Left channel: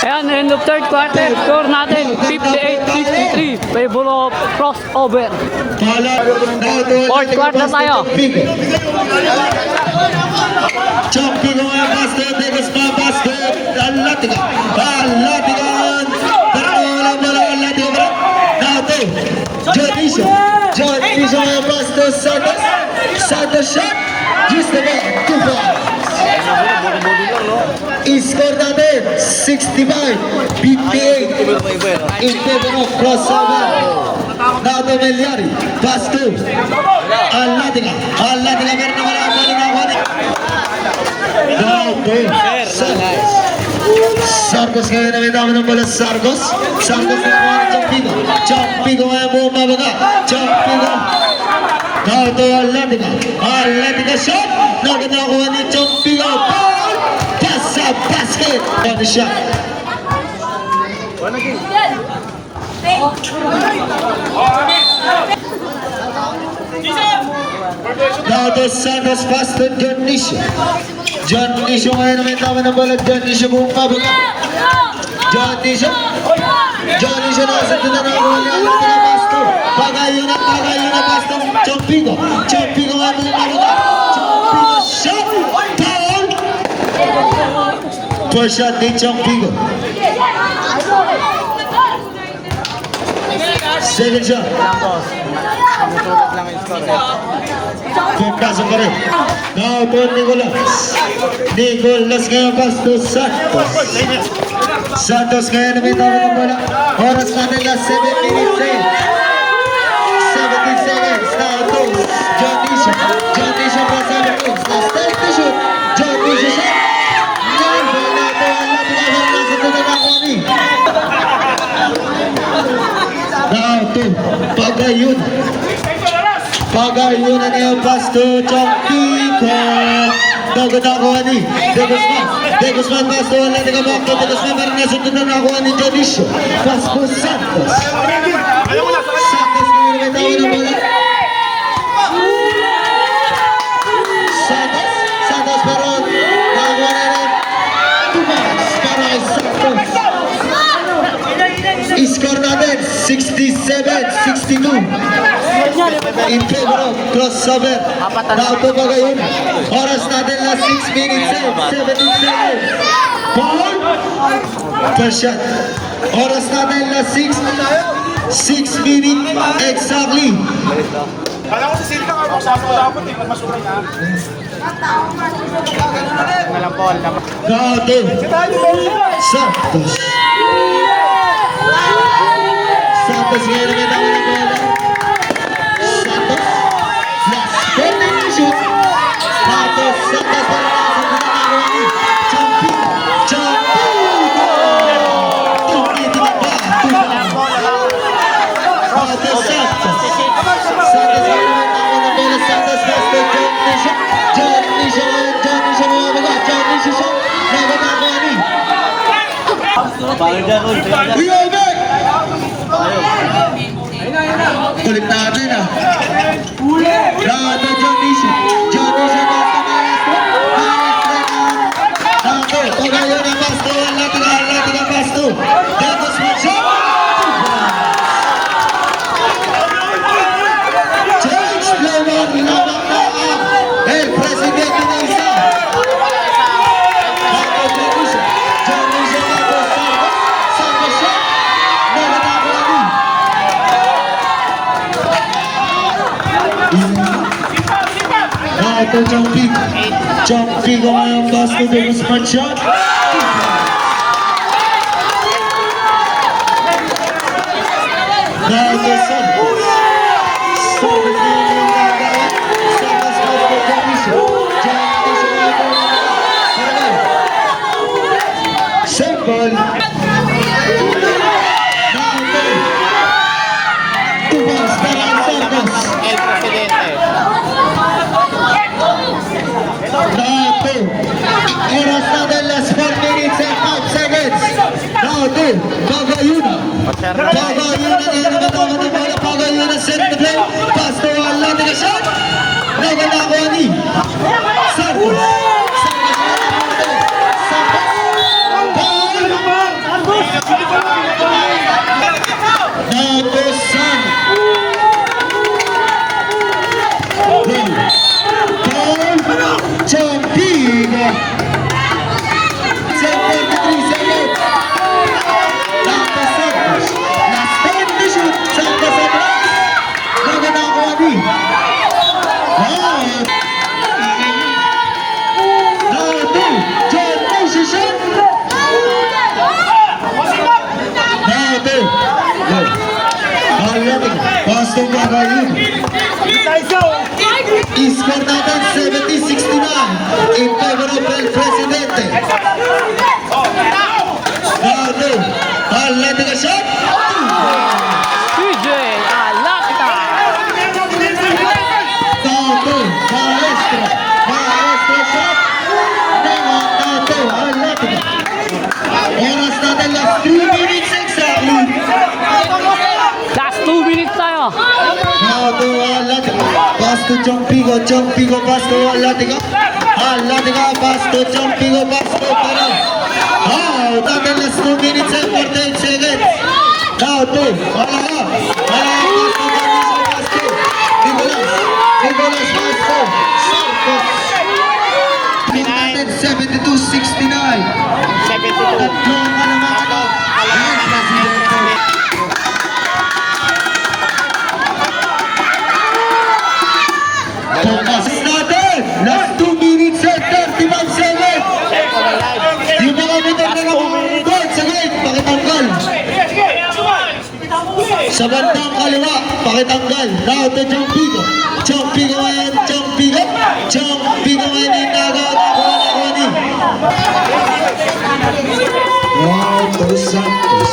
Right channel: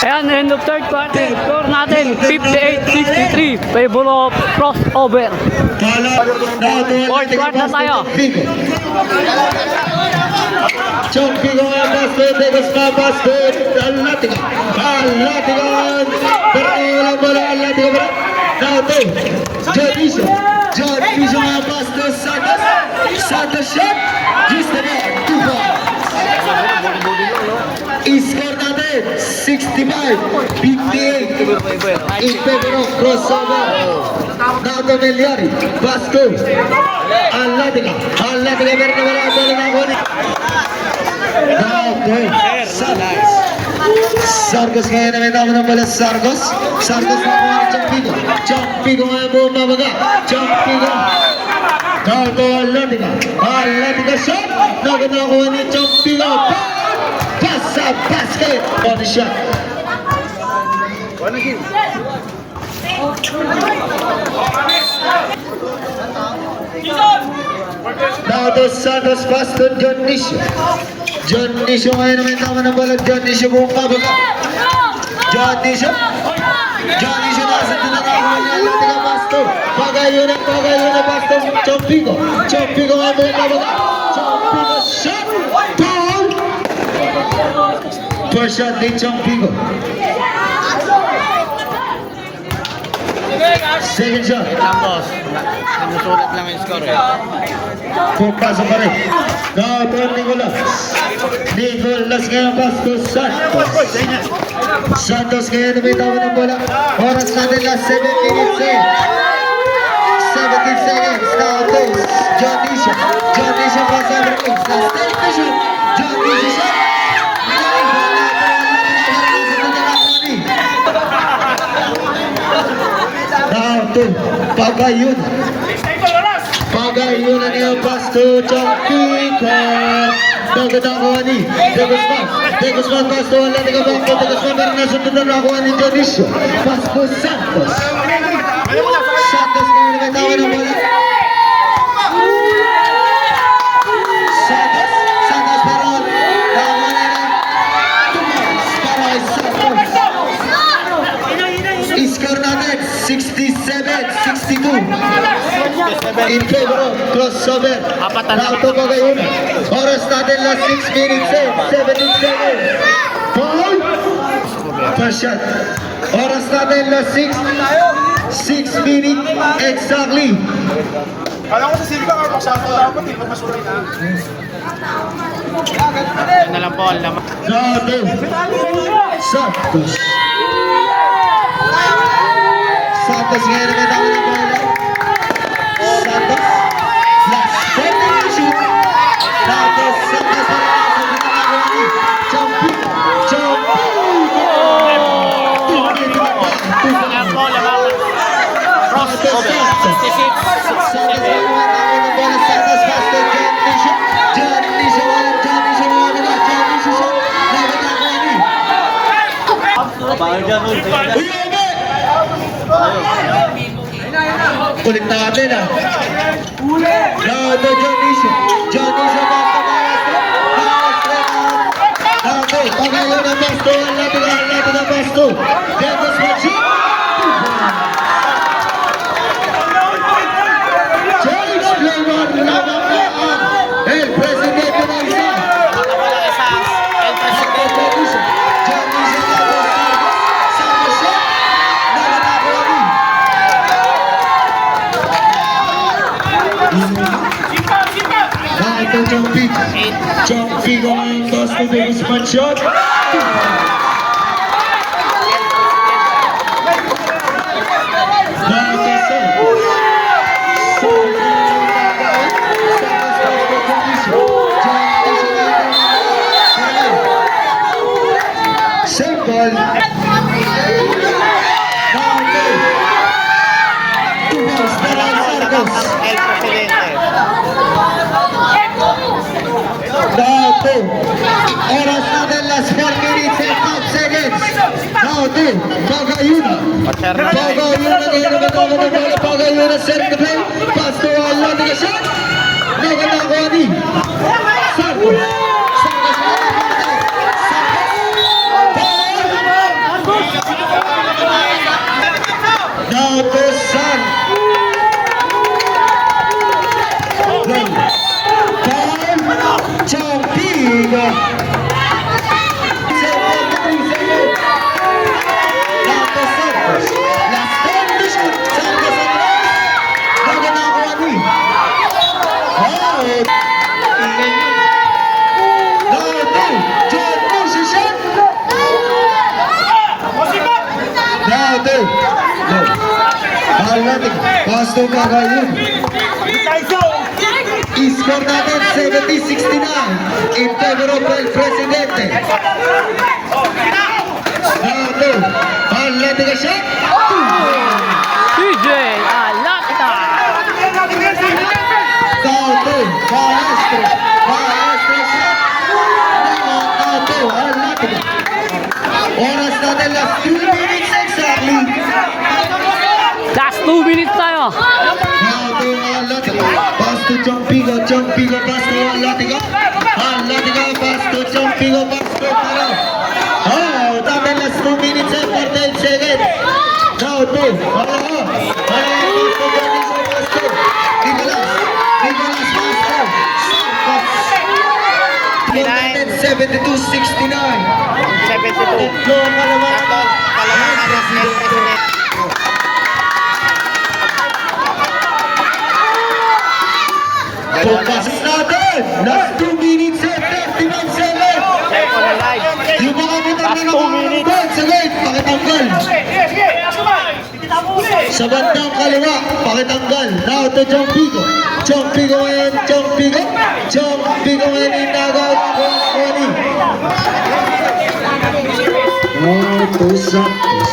Ayan, end of third quarter. Score natin, 58-63. Favor of crossover. Fourth quarter tayo. Chonky going basket, Davis na basket, Alatigan, terlalu bola Alatigan, now to John Fisher basket, Sanders shot, just about 2 points. Score natin 65-58 in favor of crossover. Now to Meliari, basket, Alatigan meron na wala ang bola na ako. Sargos ngayon na may tama ng bola. Sargos na kuha ng Champigo ngayon buong mabaga. Champigo now to Atletica shot. Naganakuha ni Champigo. Pass sa basket. One shot. Now to Santos pass to John Nisho ngayon naman tama ng bola. John Nisho buong pabaga. John Nisho nasa doon na ako ng Atletica Pastor. Pagayon na Pastor. Champigo nga buong pabaga. Champigo shot. Down. First shot ni Champigo. Second shot. Sumusulat lang yung score. Pagpasok pa rin. Now to Nicolas ngayon pass to Santos ngayon na may tama ng bola. Oras natin last 7 minutes 17 seconds. Now to John Nisha pass on the wings. Last 10 to shoot. John Nisha shot. Now to Pagayon na niya pass to Champico. Naganakuha ni Degosman pass to Atletica Bangko. Degosman meron na sunod na nakuha ni Dionisio. Pass to Santos ngayon may tawa ng bola. Santos pero nakakuha na rin. Para kay Santos. Score natin 67-62 in favor of crossover. Now to Pagayon. Oras natin last 6 minutes 17 seconds. Ball. First shot. Oras natin last 6 minutes exactly. Kaya ko sa sili ka, magsama ko dapat, di ba masulang na? Ano lang po, alam mo. Now to Santos ngayon naman ako ng bola. Santos last 10 na shoot. Now to Santos para nasa ginagawa ni Champigo. Now to Santos ngayon naman ako ng bola. Santos pass to John Nisha shot. Nagagawa ni kulit natin now to John Nisha basta now to Pagayon na pasto. Atletica pasto. Degos Macho James Blomon lamang na el presidente ng isa. John Nisha Santos shot. Naganakuha ni now to Champigo ngayon pass to Degos Macho. Now to Santos same ball. El Presidente. Now oras natin last 4 minutes and 5 seconds. Now to Pagayon na set the play. Pass to Atletica shot. Naganakuha ni Santos Score natin 70-69 in favor of El Presidente. Now to Atletica shot. CJ Alata. Now to Maestro. Maestro shot. Now to Atletica. Oras natin last 2 minutes exactly. Last 2 minutes tayo. Now to Atletica. Pass to Chompigo. Chompigo pass to Atletica. Atletica pass to Chompigo. Pass to Parol. Oh, natin last 2 minutes and 48 seconds. Now to Malaho. Malaho pass to Jordan. Pass to Nicolas. Nicolas pass to Sarcos. Natin 72-69. 72. Tatlo ang kalamangan. Tatlo, kalamangan ng El Presidente. Dalawa na. Pagkasin natin. Last 2 minutes and 31 seconds. Tempo na live. Yung mga motor na nakakagod sa gate, pakitanggal. Sa bandang kaliwa, pakitanggal. Now to Chompigo. Chompigo ngayon, Chompigo. Chompigo ngayon, inagaw na kuha ni. Now to Santos.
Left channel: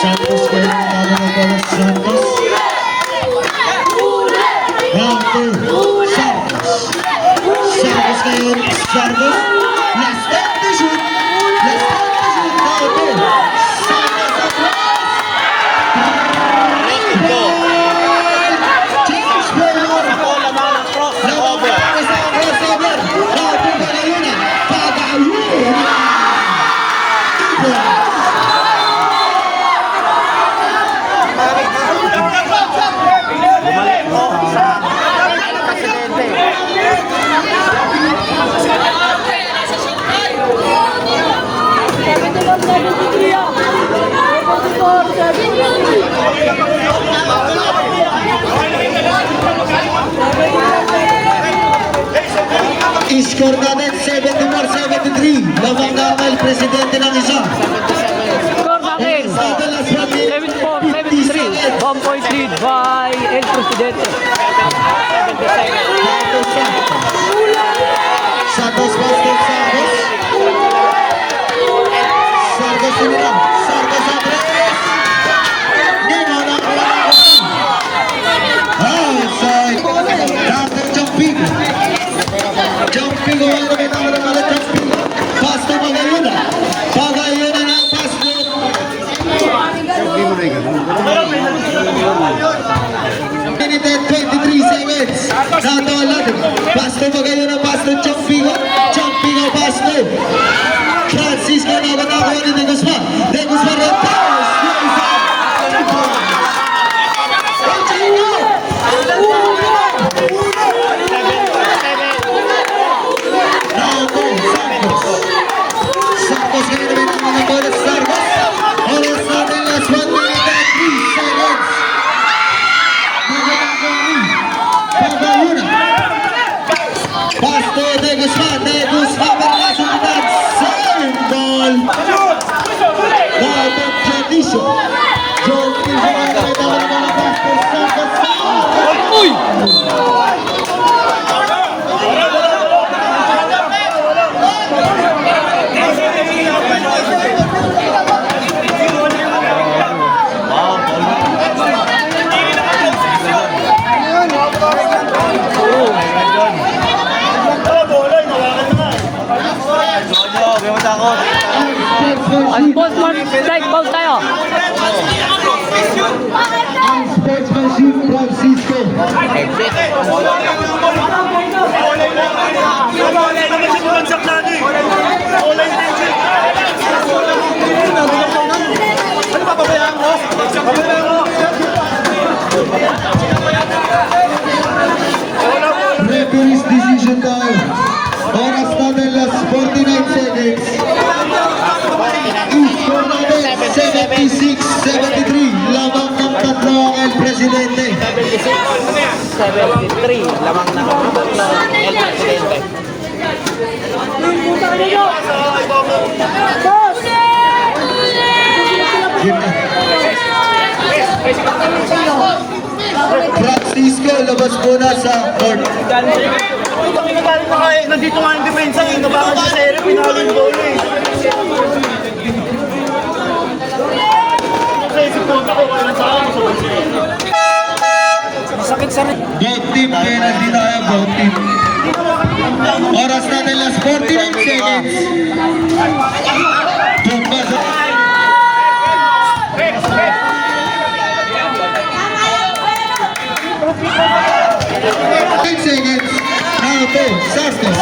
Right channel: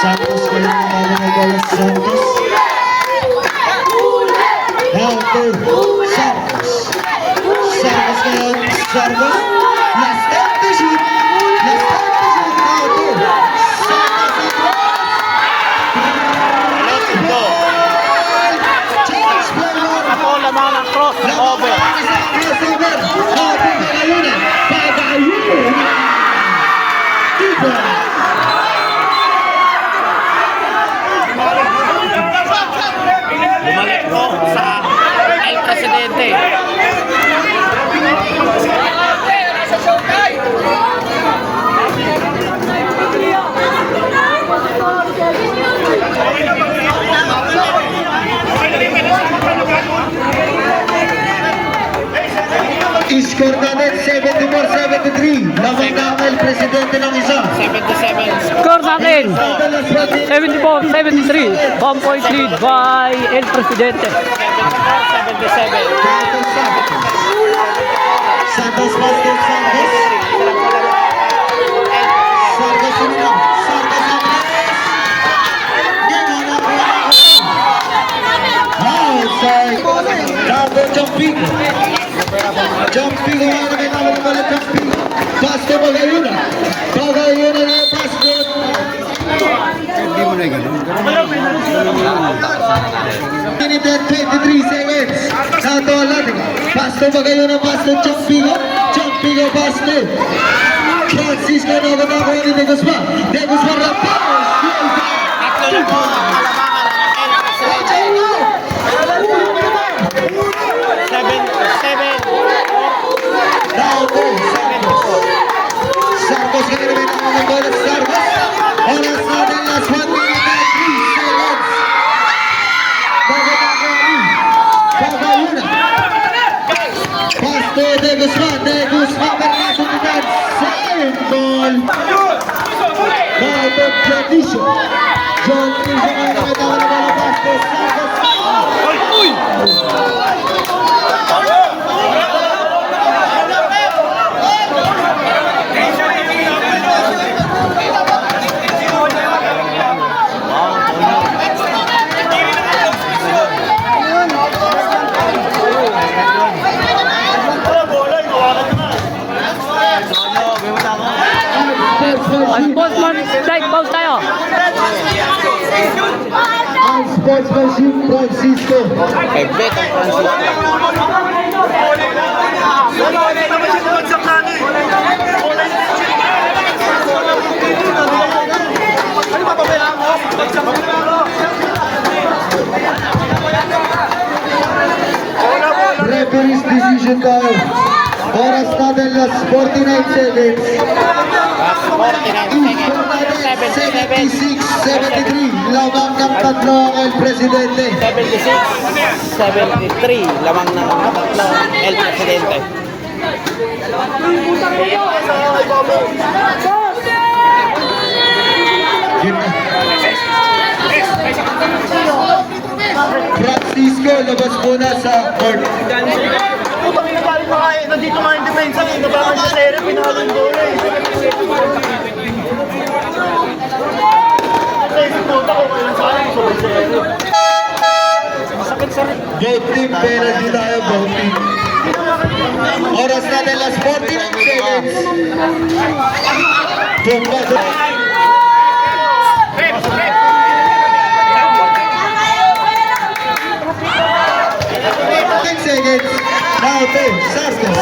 Santos ngayon, inagaw na kuha Santos. Now to Santos. Santos ngayon, Santos. Last time to shoot. Last time to shoot. Now to Santos. Go. Change forward. Ako lamang ng cross over. Crossover. Now to Pagayuna. Pagayuna. Iba. Bumalik po sa El Presidente. Score natin 74-73. Lamang na ang El Presidente ng isa. 77. Score natin. 74-73. 1 point lead by El Presidente. 77. Santos Santos Santos. Santos sinilang. Santos Santos. Di mana outside. Santos jumping. Jumping away naman naman jumping. Pass to Pagayuna. Pagayuna na pass doon. Minute and 23 seconds. Now to Atletica. Pass to Pagayuna. Pass to Chompigo. Chompigo pass to Francisco Nagatago ni De Guzman. De Guzman na pass. Now to Santos. Santos ngayon naman ang mga bola sa Santos. Oras natin last 1 minute and 3 seconds. Pagayuna. Pass to De Guzman. De Guzman para nasa unidad. Sayang ball. Now to Jodicio. Jodicio ngayon naman ang mga pass to Santos. Uy! Unsportsman strike ball tayo. Ang sportsmanship Francisco. Referee's decision tayo. Oras natin last 49 seconds. 49 Score natin 76-73. Lamang ng tatlo ang El Presidente. 76-73. Lamang ng El Presidente. Francisco Isko, labas muna sa court. Putang ina galing na kaya. Nandito nga yung depensa eh. Nabakan sa sere, pinalo yung goal eh. Kasi si Punta ko, kailan sa akin, gusto Both team, penalty tayo, both team. Oras natin, last 49 seconds. Pumpa sa... 10 seconds. Now to Sarkos.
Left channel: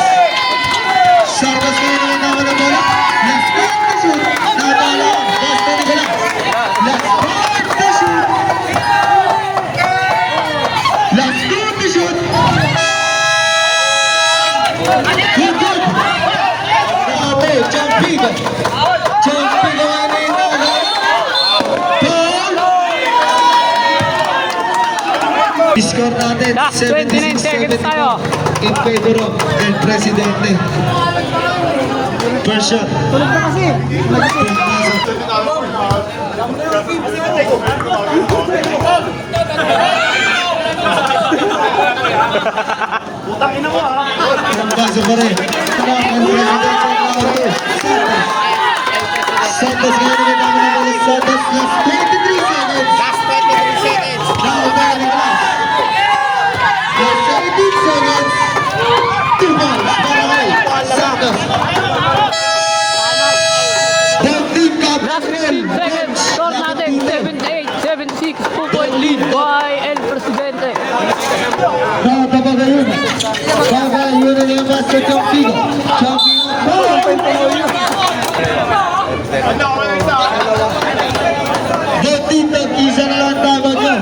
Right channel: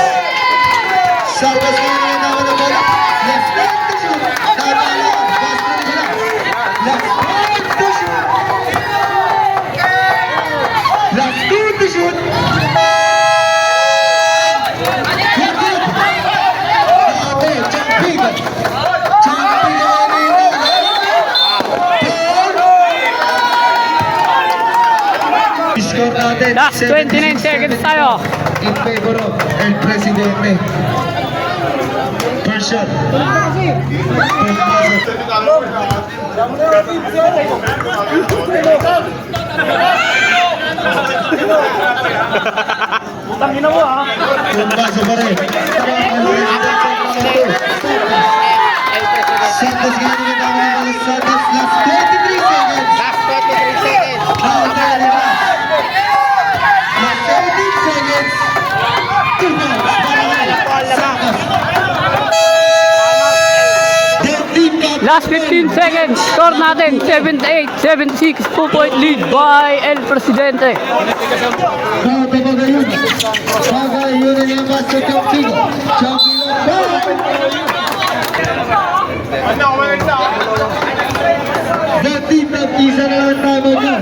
Sarkos kini naman ng bola. Left hand to shoot. Nabala. Basta ni bola. Left hand to shoot. Left hand to shoot. Good, good. Now to jumping. Jumping ang ininagal. Score natin, Last 29 seconds tayo. in favor of El Presidente. First shot. Tangina mo ha. Pumasok pa rin. Santos ngayon ulit ang mga ulit. Santos, last 23 seconds. Last 23 seconds. Last 17 seconds. 2 points. Santos. Last 15 seconds. Score natin 78-76. 2-point lead by El Presidente. Babagayon. Babagayon na niya mas sa Champigo. Champigo. Dati tag-isa na lang tama niya.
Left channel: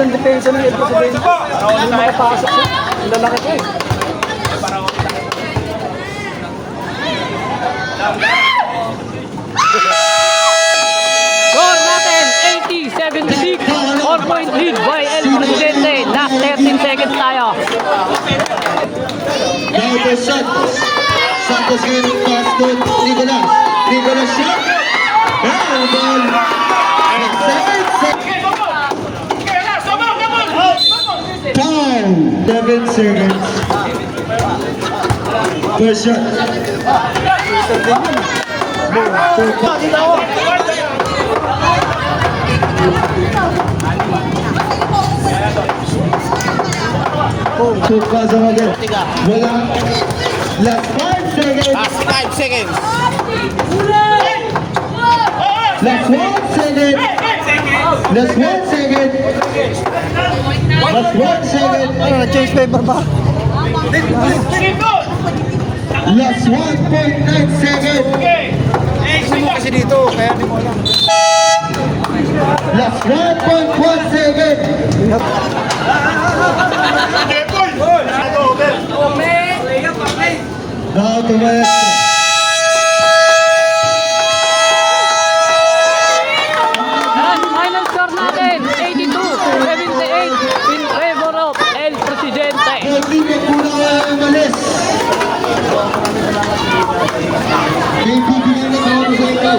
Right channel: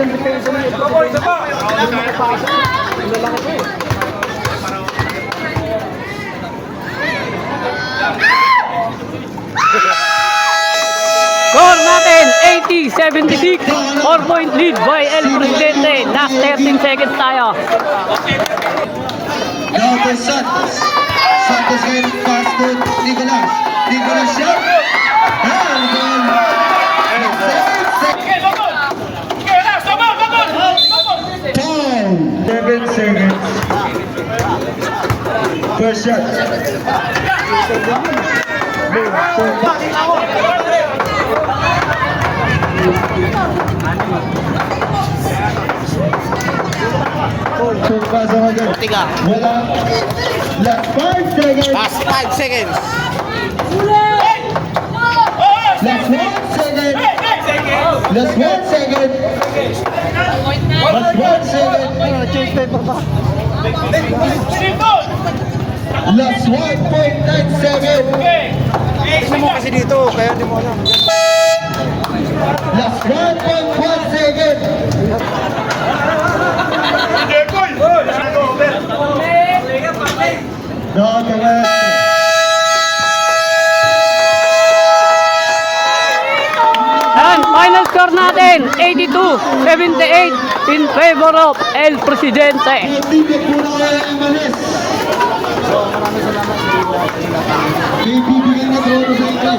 Ang depensa ng El Presidente. Ang makapasok siya. Ang lalaki ko eh. Score natin 80-76. 4-point lead by El Presidente. Last 13 seconds tayo. Now to Santos. Santos ngayon ang basket. Nicolas. Nicolas shot. And then... 7 seconds. First shot. Pagpasok agad. Wala. Last 5 seconds. Last 5 seconds. Last 1 second. Last 1 second. Last 1 second. Change paper ba? Last 1.9 second. Tingnan mo kasi dito, kaya di mo alam. Last 1.1 second. Now to rest. And final score natin 82-78 in favor of El Presidente. Hindi ka po na kaya umalis. May bibigyan na ako sa inyo.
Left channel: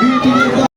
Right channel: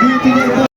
Bibigyan na